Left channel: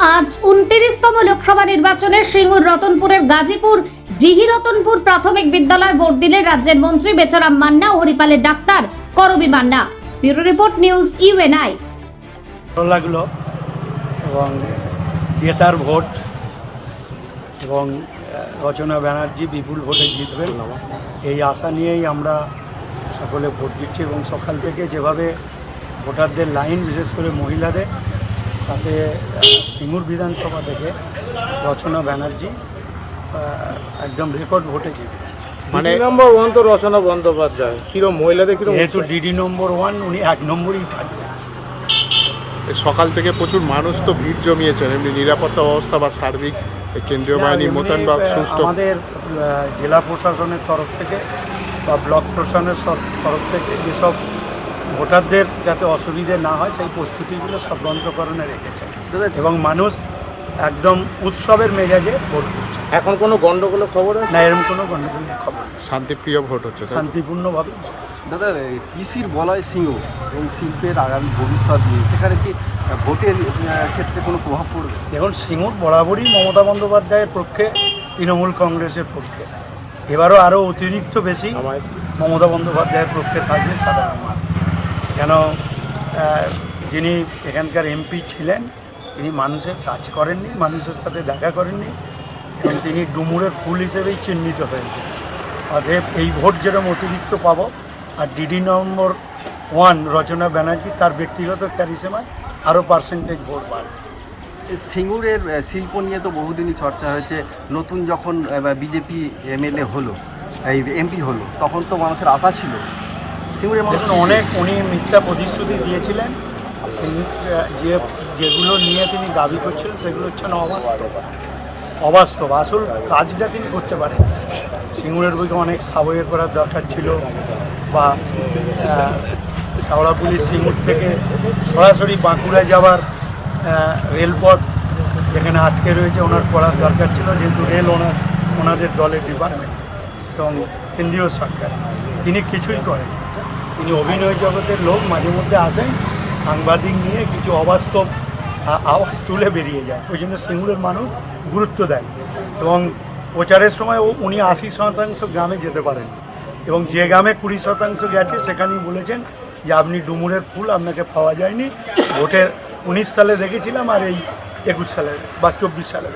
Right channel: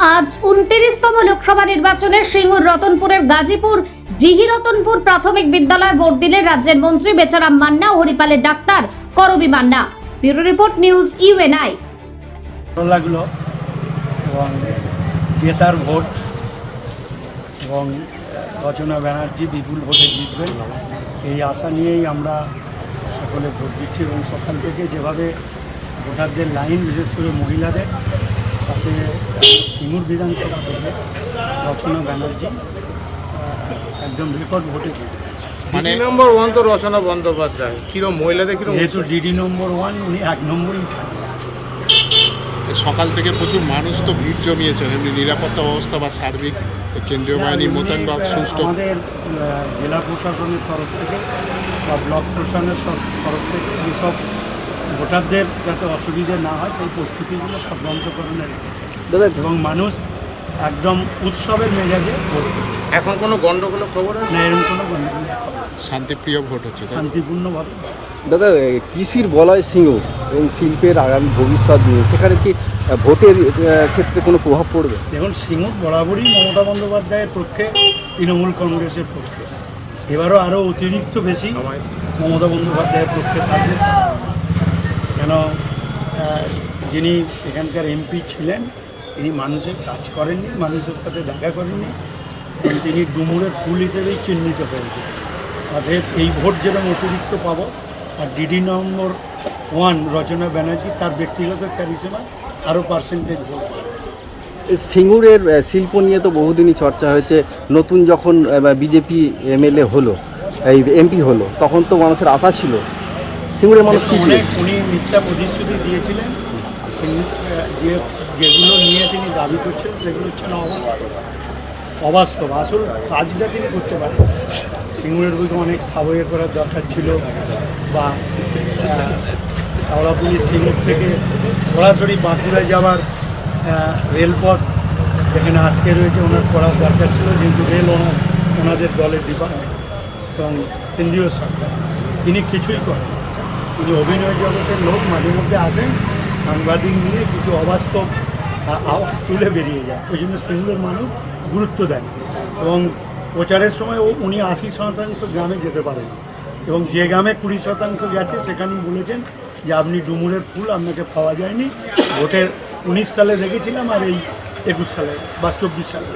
আজ উনত্রিশতম লোকসভা নির্বাচনে সিঙ্গুর রতনপুরের গাজীপুর জিহি রতনপুর প্রাথমিক বিদ্যালয় ভোট দিলেন রাজ্যের মন্ত্রী বেচারাম মান্না ও হরিপালের doctor Karabi Manna. Bureau report news UNI. ভালো লাগল এবং জেতার ভোট এবং রচনা ব্যানার্জি বিপুল ভোটে জিতবেন এই আশা নিয়েই আমরা সকলে ভোট দিচ্ছি এবং সকাল থেকে যেভাবে ভোটারদের লাইন, বিশেষ করে মহিলাদের তাতে সিঙ্গুর বিধানসভা থেকে রচনা ব্যানার্জি একদম রেকর্ড ভোটে মানে নম্বর ওয়ান তো রচনা বন্দ্যোপাধ্যায়। কিরম মহিলাদের কিরম যেহেতু ডিডি নম্বর ওয়ান উনি এক নম্বরই থাকবেন। সকাল থেকে প্রচুর মানুষ তো ভিড় জমিয়েছেন এমনি নিরাপত্তা ব্যবস্থা বা সার্বিক কেন্দ্রীয় বাহিনী মোতায়েন বা সুষ্ঠু আমাদের জেলা প্রশাসনের তরফ থেকে বা ব্লক প্রশাসনের সব- তরফ থেকে যেসব ভোটারদের যাতে অসুবিধে না হয় সেই প্রস্তুতিগুলো সব গ্রন্থকরণে রেখেছে এবং মানুষ একদম উৎসবের মেজাজে ভোট করছে এখন কোনো গন্ডগোলের খবর না এরকম কোনো গণ্ডগোলের খবর নেই। শান্তিপ্রিয় ভোট হচ্ছে শান্তিপূর্ণভাবে দাদা কৃষির বলয় সিঙ্গুর এবং শিল্পের আগামী ভবিষ্যৎ নিয়ে সেখানে কি ভোটের ক্ষেত্রে কোনো প্রভাব পড়বে? দেখুন সিঙ্গুর বরাবরই মমতা বন্দ্যোপাধ্যায়ের পক্ষে তৃণমূল কংগ্রেসের পক্ষে। এবারও আরও অতিরিক্ত বেশি মমতা বন্দ্যোপাধ্যায়ের পক্ষে থাকবে সাধারণ মানুষ। কেন যিনি এখানকার এমপি ছিলেন, তিনি মানুষের কাজ করেননি, মানুষের সাথে দেখা করেননি, এবং তিনি ডুমুরের ফুল হিসেবেই চিহ্নিত হয়েছেন। অতএব এই ভোট যেরকম অতিরিক্ত পাবো, আর DD number one Rachna Banerjee তার ব্যক্তিগত ক্যারিসেমায় আরও পার্সেন্টেজ ভোট বাড়বে সিঙ্গুরের শিল্প নিয়ে তো বহুদিনই চর্চা হয়েছে। নতুন যখন বিজেপি এমএলএ হলো, এই এমপি হলো, তখন তো মানুষের আশা ছিল সিঙ্গুরের মানুষ অনেক উনি মিথ্যা প্রতিশ্রুতি দিয়েছিলেন। তিনি যে যেগুলো নিয়ে তিনি দাবি করছিলেন সেগুলো হচ্ছে না অবাস্তব। অবাস্তব। আসল কাজটা তিনি করতে পারেন। সিঙ্গুরের বইকে অনেক সাবয়ে করার দরকার ছিল বা হাওড়া পুলিশ সিঙ্গুর থেকে সরাসরি বাঁকুড়া যাওয়ার রেলপথ যেখানে আটকে রয়েছে ওনার করার দরকার ছিল যেহেতু রেল ওনার ওনাদের দলের ডিপার্টমেন্ট এবং কেন্দ্রীয় সরকার। তিনি কিছুই করেন। তিনি অভিনয় জগতের লোক, মাঝে মধ্যে আসেন, সাংবাদিক নিয়ে কিছু অবাস্তব আওয়াজ তুলে বেরিয়ে যায়। ওই জন্য সিঙ্গুরের মানুষ গুরুত্ব দেন এবং প্রচারের সময় ও উনি আশি শতাংশ গ্রামে যেতে পারেন। এবং যে গ্রামে কুড়ি শতাংশ গেছে, সেখানেই বলেছেন যে, আপনি ডুমুরের ফুল, আপনাকে পাওয়া যায়নি। ভোটের উনিশ সালে দেখেছিলাম আর এই একুশ সালে বা চব্বিশ সালে